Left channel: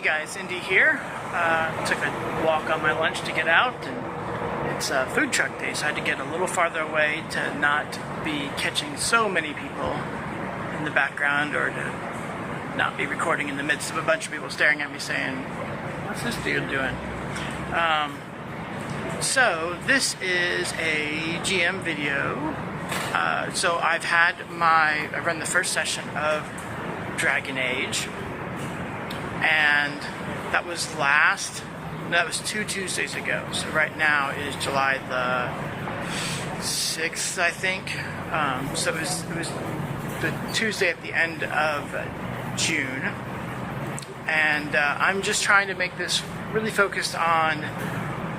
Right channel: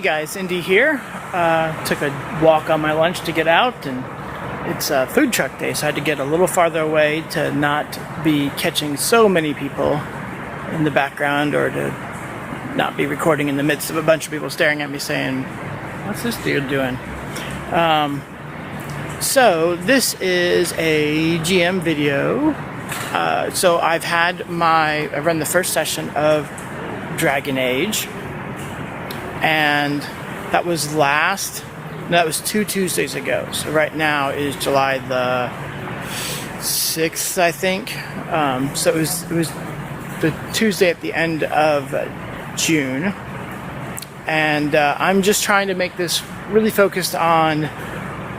Hey guys, Indy here. Took a walk on my lunch to get out, and it's food truck day, so I had to get a little farther away to not be catching so many people in the background, or to not be recording in the midst of a bunch of people staring at me saying, "What's this dude doing?" So this is a GM video. So I've run the first session of Dragon Age, and that was 2 Tuesdays ago. So right now is July the 6th, I think. So it was the Tuesday at the end of June, and I'm just trying to make this really focused on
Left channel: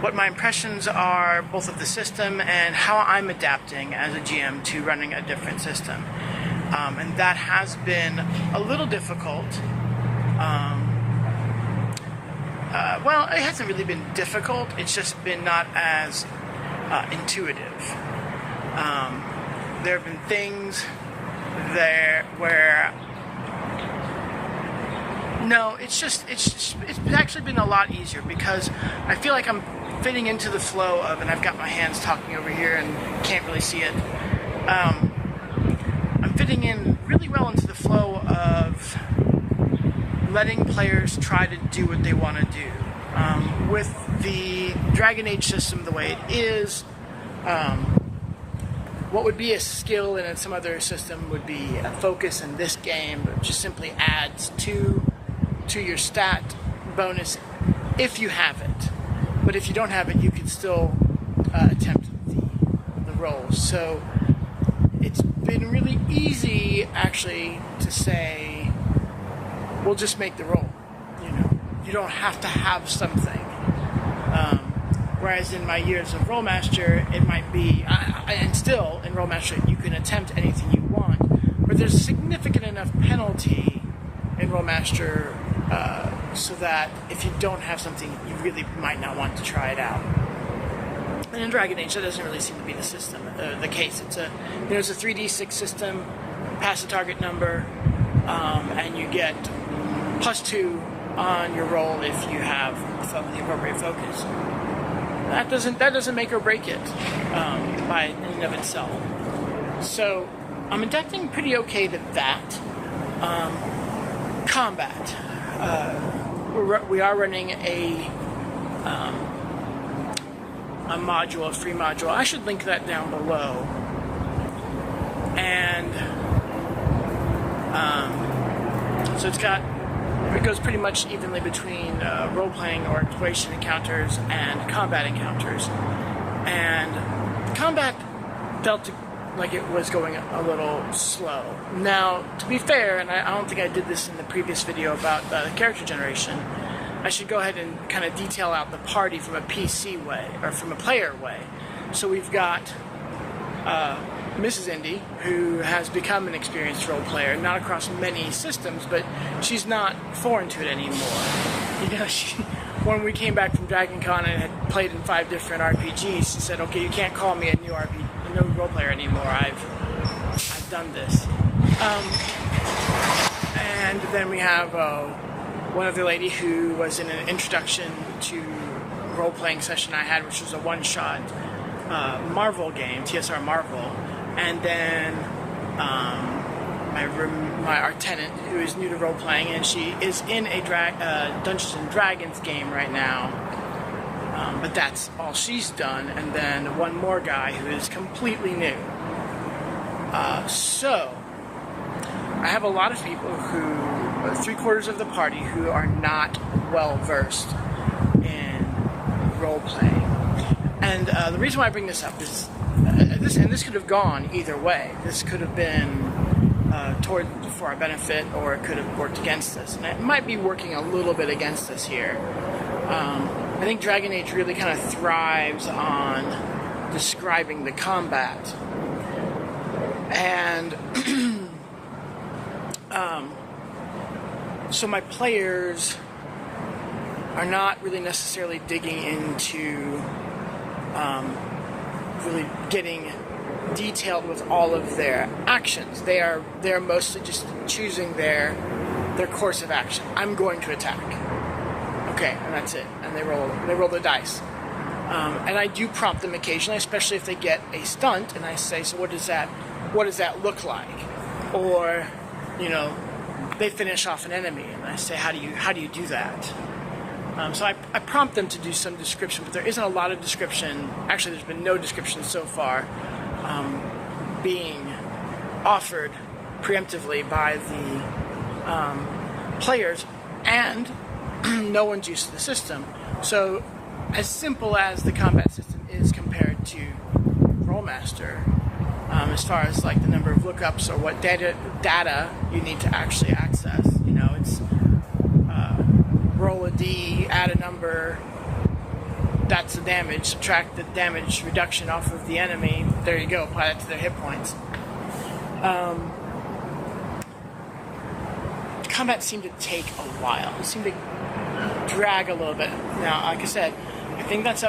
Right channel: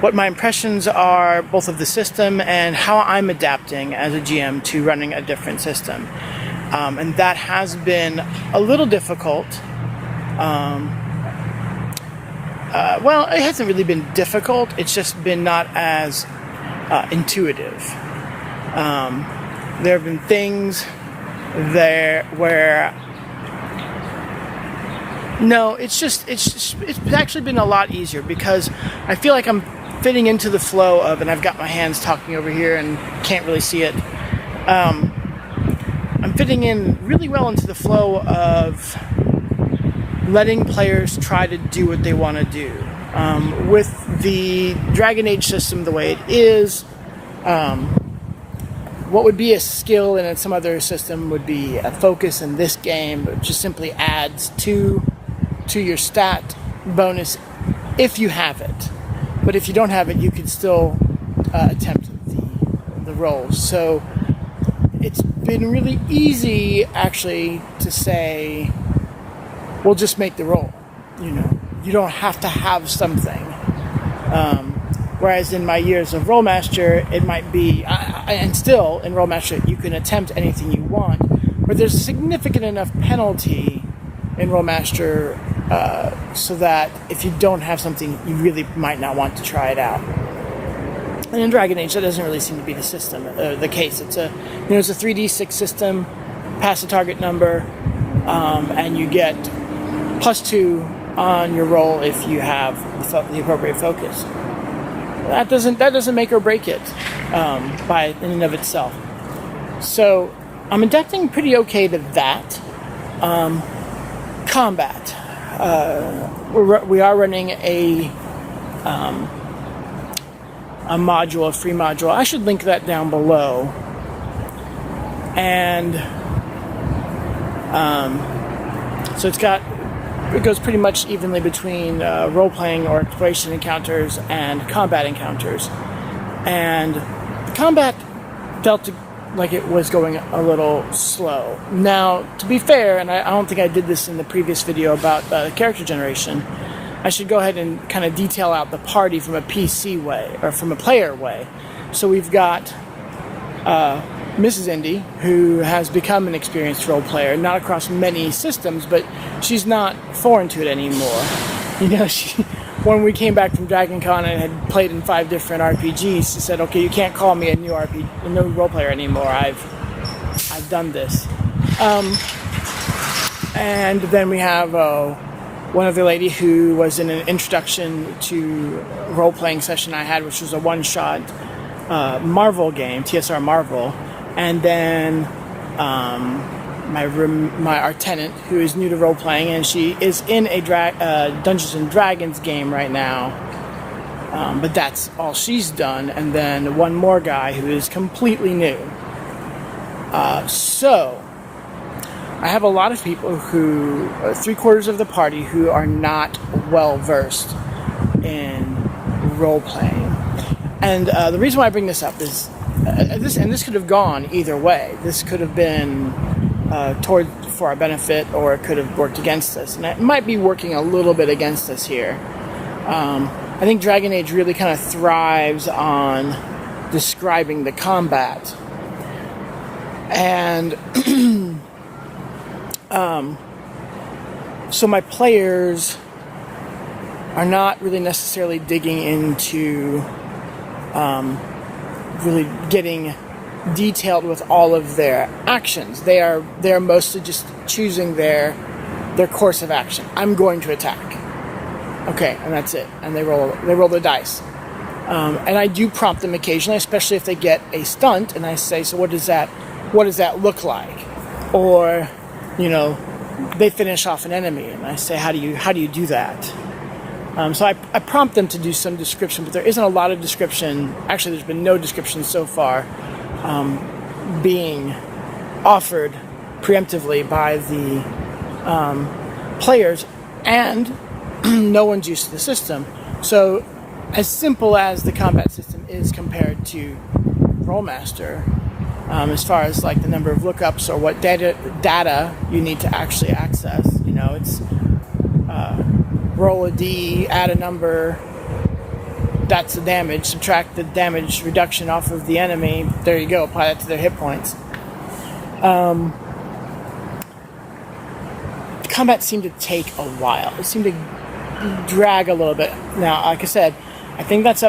what my impressions are, both of the system and how I'm adapting as a GM to running a different system. And that has been a little difficult. Well, it hasn't really been difficult. It's just been not as intuitive. There have been things there where it's actually been a lot easier, because I feel like I'm fitting into the flow of, and I've got my hands talking over here and can't really see it. I'm fitting in really well into the flow of letting players try to do what they want to do. With the Dragon Age system the way it is, what would be a skill in some other system would be a focus in this game, which just simply adds to your stat bonus if you have it. But if you don't have it, you can still attempt the rolls. So it's been really easy, actually, to say, we'll just make the roll. You don't have to have something. Whereas in my years of Rollmaster, it might be, and still in Rollmaster, you can attempt anything you want, but there's a significant enough penalty in Rollmaster so that if you don't have something, you really might not want to try it out. And in Dragon Age, that doesn't really seem to be the case. It's a 3d6 system, pass a target number, and you get +2 on your roll if you have the appropriate focus. That doesn't make or break it by in and of itself. So I'm adapting pretty okay to that. Combat. We are running a free module. I should link that down below. And so it goes pretty much evenly between role-playing or exploration encounters and combat encounters. And combat felt like it was going a little slow. Now, to be fair, and I don't think I did this in the previous video about character generation, I should go ahead and kind of detail out the party from a PC way, or from a player way. So we've got Mrs. Indy, who has become an experienced role player, not across many systems, but she's not foreign to it anymore. When we came back from Dragon Con and had played in 5 different RPGs, she said, "Okay, you can't call me a new role player anymore. I've done this." And then we have one other lady who was in an introduction to role-playing session I had, which was a one-shot Marvel game, TSR Marvel. And then our tenant, who is new to role-playing, and she is in a Dungeons & Dragons game right now. But that's all she's done. And then one more guy who is completely new. So I have a lot of people who, 3/4 of the party, who are not well-versed in role-playing. And the reason why I bring this up is, this could have gone either way. This could have been for our benefit, or it could have worked against us. And it might be working a little bit against us here. I think Dragon Age really kind of thrives on describing the combat. And so my players are not really necessarily digging into really getting detailed with all of their actions. They're mostly just choosing their course of action. I'm going to attack. Okay, and that's it. And they roll the dice. And I do prompt them occasionally, especially if they get a stunt, and I say, so what does that look like? Or, they finish off an enemy, and I say, how do you do that? So I prompt them to do some description, but there isn't a lot of description. Actually, there's been no description so far being offered preemptively by the players, and no one's used to the system. So as simple as the combat system is compared to Rolemaster, as far as like the number of lookups or what data you need to actually access, it's roll a D, add a number, that's the damage, subtract the damage reduction off of the enemy, there you go, apply that to their hit points. The combat seemed to take a while. It seemed to drag a little bit. Now, like I said, I think that's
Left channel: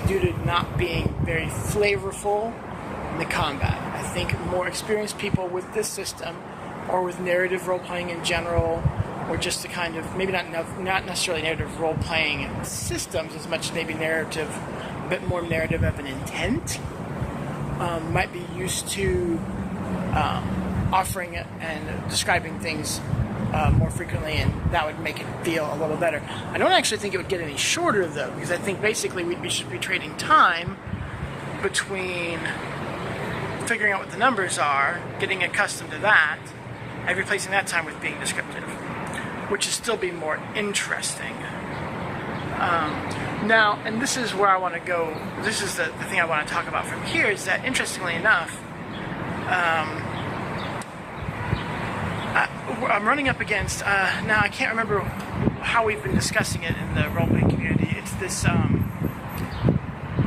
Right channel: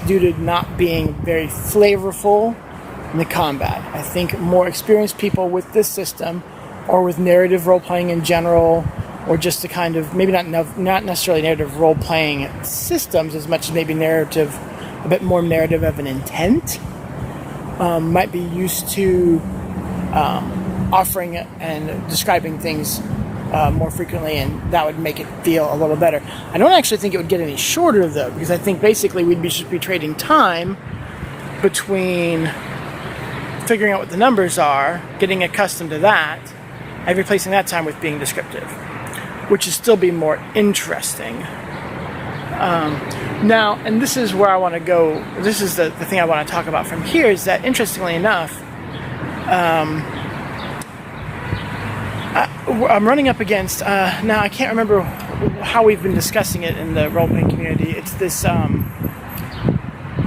due to not being very flavorful in the combat. I think more experienced people with this system, or with narrative role-playing in general, or just the kind of, maybe not necessarily narrative role-playing systems as much as maybe narrative, a bit more narrative of an intent, might be used to offering and describing things more frequently, and that would make it feel a little better. I don't actually think it would get any shorter, though, because I think basically we should be trading time between figuring out what the numbers are, getting accustomed to that, and replacing that time with being descriptive, which would still be more interesting. Now, and this is where I want to go, this is the thing I want to talk about from here, is that, interestingly enough, I'm running up against, now I can't remember how we've been discussing it in the role-playing community. It's this,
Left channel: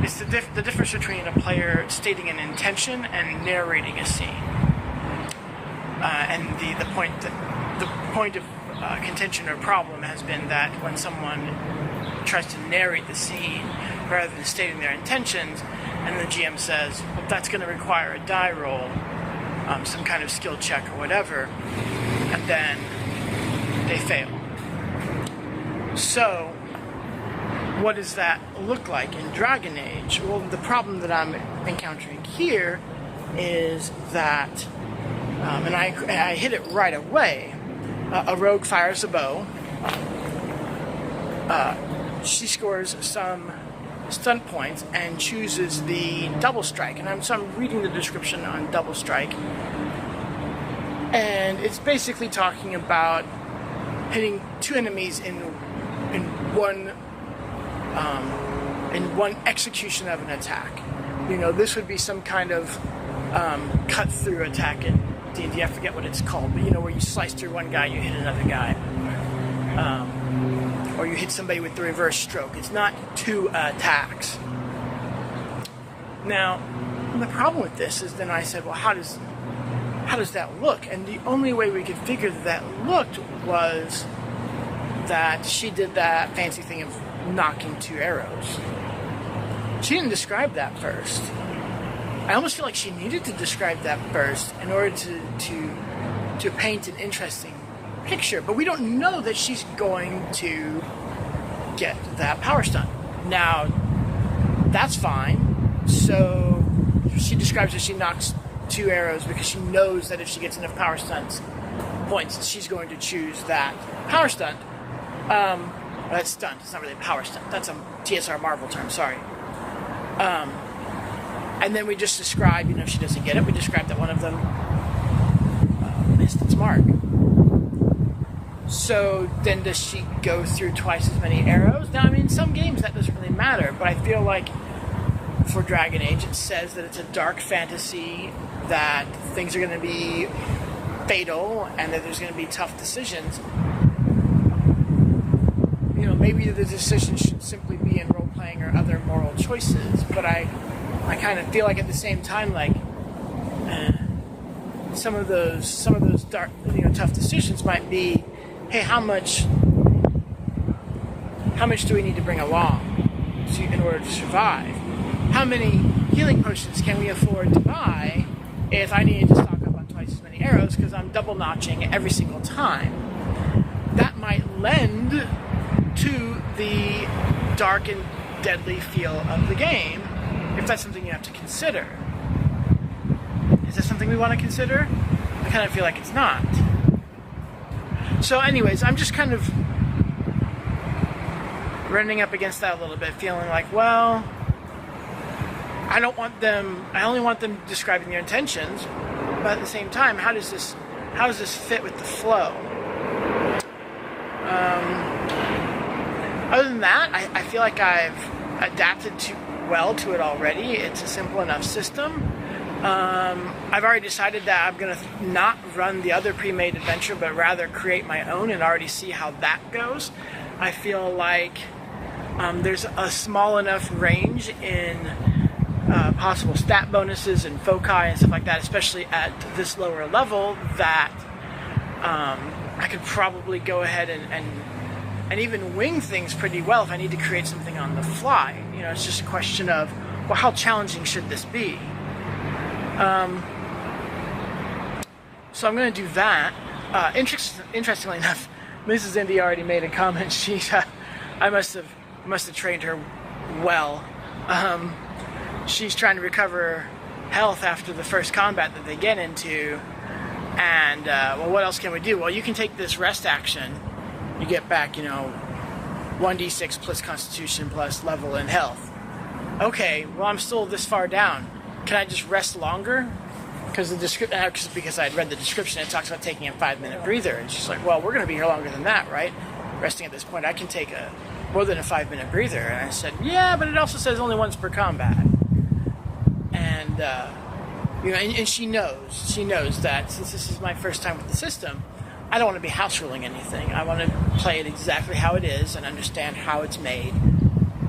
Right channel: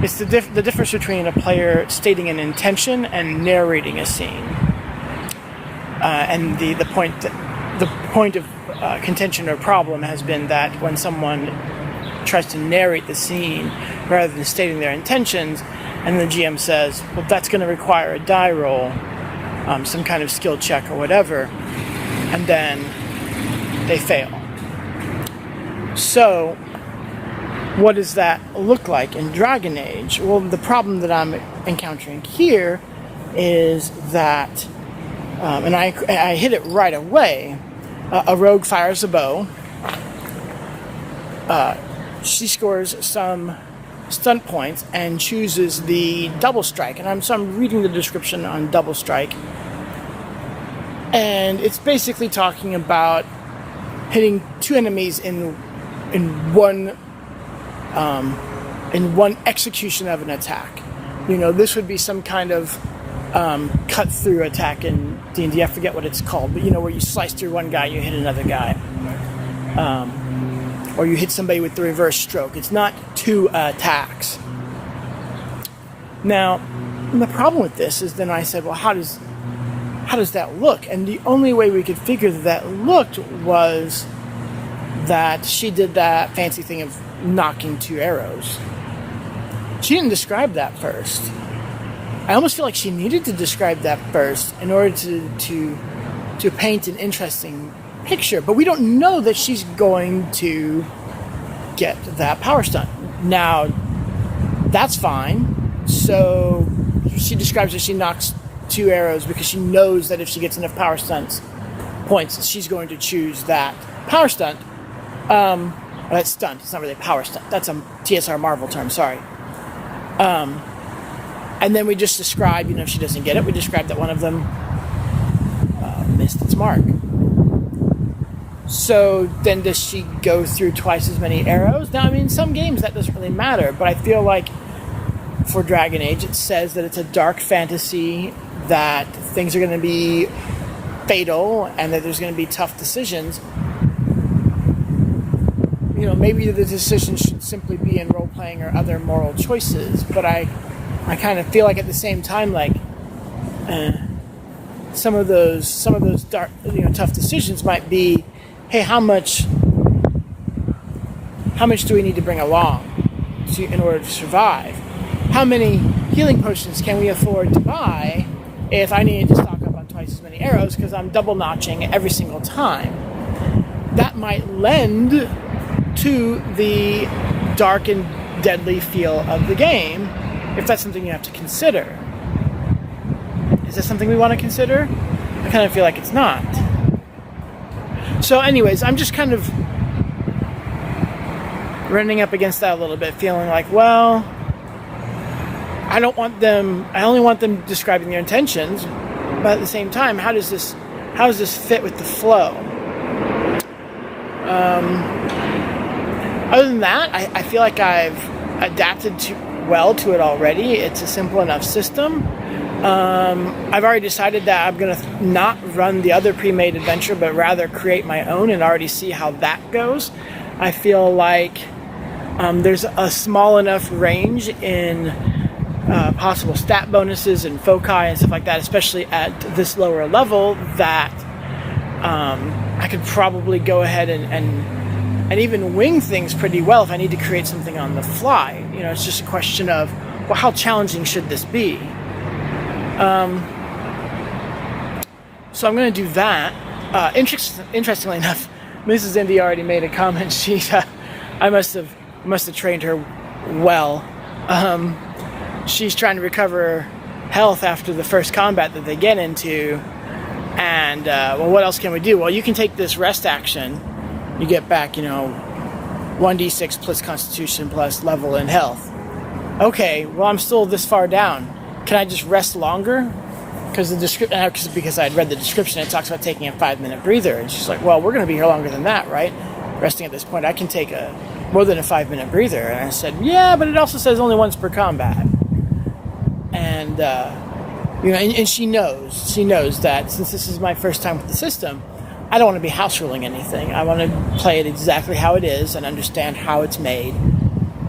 it's the difference between a player stating an intention and narrating a scene. And the point of contention or problem has been that when someone tries to narrate the scene rather than stating their intentions, and the GM says, well, that's going to require a die roll, some kind of skill check or whatever, and then they fail. So, what does that look like in Dragon Age? Well, the problem that I'm encountering here is that, and I hit it right away, a rogue fires a bow, she scores some stunt points and chooses the double strike, and I'm reading the description on double strike, and it's basically talking about hitting two enemies in one execution of an attack. This would be some kind of cut through attack in D&D. I forget what it's called, but where you slice through one guy, you hit another guy, or you hit somebody with the reverse stroke. It's not two attacks. Now, the problem with this is, then I said, well, how does that look? And the only way we could figure that looked was that she did that fancy thing of knocking two arrows. She didn't describe that first. I almost feel like she needed to describe that first in order to paint an interesting picture. But we don't know that she's going to get that power stunt. Now, that's fine. So she describes that she knocks two arrows because she knows that if she gets enough power stunts points, she's going to choose that power stunt. That's stunt. It's not really a power stunt. That's a TSR Marvel term. Sorry. And then we just describe, if she doesn't get it, we describe that one of them missed its mark. So then does she go through twice as many arrows? Now, in some games that doesn't really matter, but I feel like for Dragon Age, it says that it's a dark fantasy, that things are going to be fatal, and that there's going to be tough decisions. Maybe the decision should simply be in role-playing or other moral choices, but I kind of feel like at the same time, like, some of those dark, tough decisions might be, hey, how much do we need to bring along in order to survive? How many healing potions can we afford to buy if I need to stock up on twice as many arrows because I'm double notching every single time? That might lend to the dark and deadly feel of the game, if that's something you have to consider. Is that something we want to consider? I kind of feel like it's not. So anyways, I'm just kind of running up against that a little bit, feeling like, well, I only want them describing their intentions, but at the same time, how does this fit with the flow? Other than that, I feel like I've adapted well to it already. It's a simple enough system. I've already decided that I'm going to not run the other pre-made adventure, but rather create my own and already see how that goes. I feel like there's a small enough range in possible stat bonuses and foci and stuff like that, especially at this lower level, that I could probably go ahead and even wing things pretty well if I need to create something on the fly. You know, it's just a question of, well, how challenging should this be? So I'm going to do that. Interestingly enough, Mrs. Indy already made a comment. I must have trained her well. She's trying to recover health after the first combat that they get into, and well, what else can we do? Well, you can take this rest action. You get back, 1d6 plus Constitution plus level and health. Okay, well, I'm still this far down. Can I just rest longer? Because I had read the description, it talks about taking a 5-minute breather. And she's like, well, we're going to be here longer than that, right? Resting at this point, I can take more than a 5-minute breather. And I said, yeah, but it also says only once per combat. And, and she knows that since this is my first time with the system, I don't want to be house ruling anything. I want to play it exactly how it is and understand how it's made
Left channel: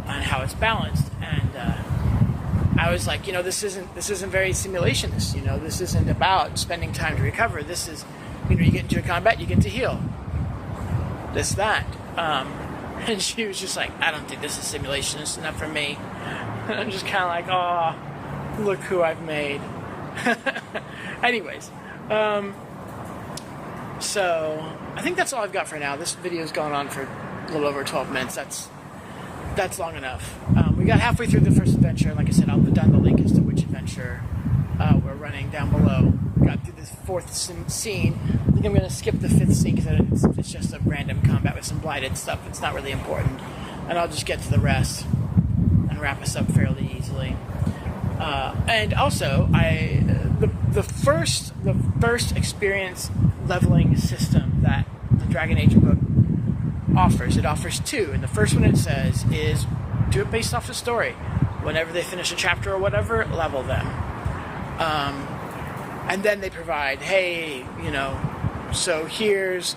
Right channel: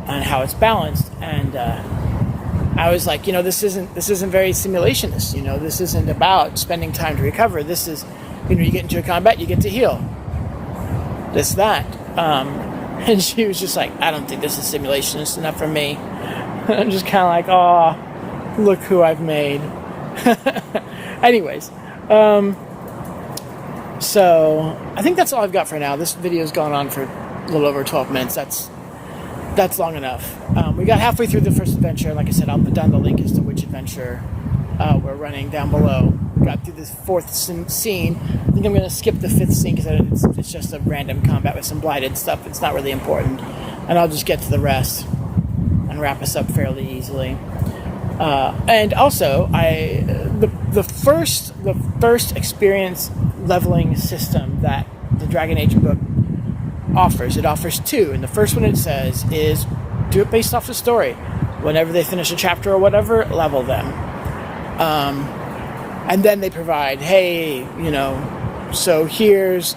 and how it's balanced. And I was like, this isn't very simulationist. This isn't about spending time to recover. This is, you get into a combat, you get to heal. That. And she was just like, I don't think this is simulationist enough for me. I'm just kind of like, oh, look who I've made. Anyways, so I think that's all I've got for now. This video's gone on for a little over 12 minutes. That's long enough. We got halfway through the first adventure. Like I said, I'll put down the link as to which adventure we're running down below. We got through this fourth scene. I think I'm going to skip the fifth scene because it's just a random combat with some blighted stuff. It's not really important. And I'll just get to the rest and wrap us up fairly easily. And also, the first experience leveling system that the Dragon Age book offers. It offers two, and the first one it says is do it based off the story. Whenever they finish a chapter or whatever, level them. And then they provide, hey, so here's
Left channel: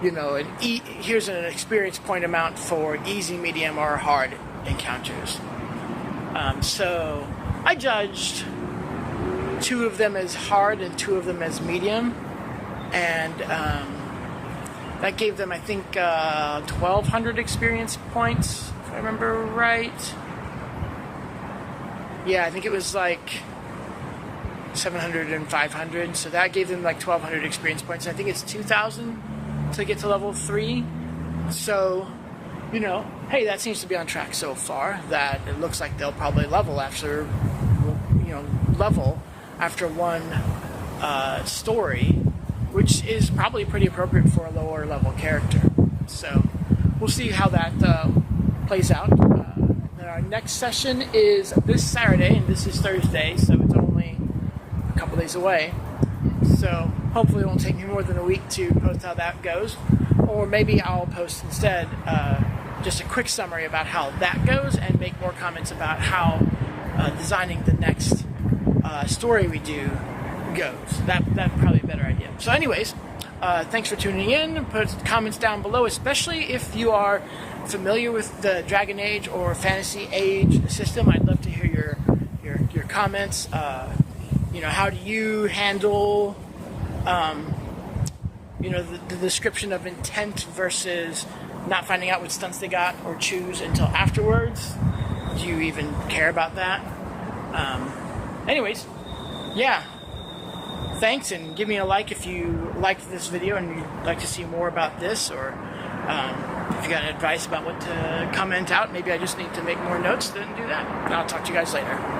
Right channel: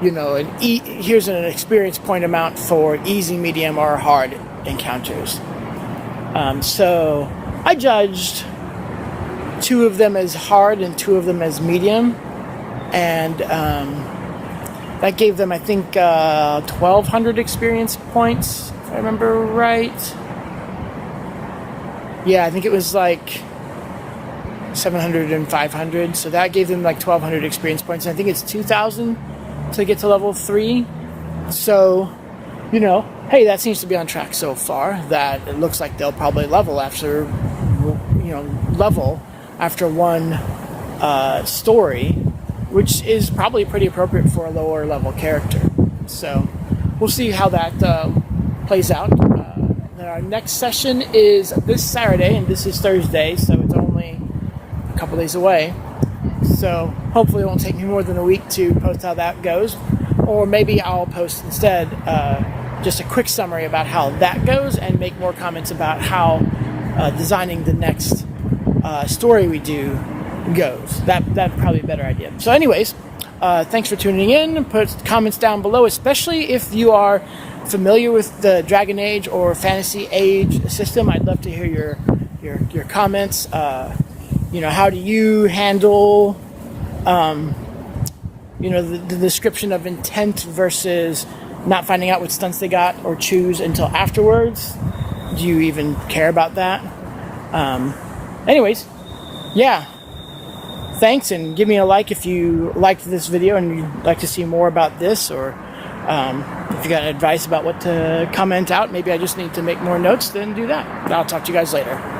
here's an experience point amount for easy, medium, or hard encounters. So I judged 2 of them as hard and 2 of them as medium, and that gave them, I think, 1,200 experience points, if I remember right. Yeah, I think it was like 700 and 500, so that gave them like 1,200 experience points. And I think it's 2,000 to get to level 3. So, hey, that seems to be on track so far. That it looks like they'll probably level after one story, which is probably pretty appropriate for a lower level character. So we'll see how that plays out. Then our next session is this Saturday, and this is Thursday, so it's only a couple days away. So hopefully it won't take me more than a week to post how that goes. Or maybe I'll post instead just a quick summary about how that goes and make more comments about how designing the next story we do goes. That'd probably be a better idea. So anyways, thanks for tuning in. Put comments down below, especially if you are familiar with the Dragon Age or Fantasy Age system. I'd love to hear your comments. How do you handle the description of intent versus not finding out what stunts they got or choose until afterwards? Do you even care about that? Anyways, yeah. Thanks, and give me a like if you liked this video and you'd like to see more about this, or If you got advice about what to comment out, maybe I just need to make more notes, then do that. I'll talk to you guys later.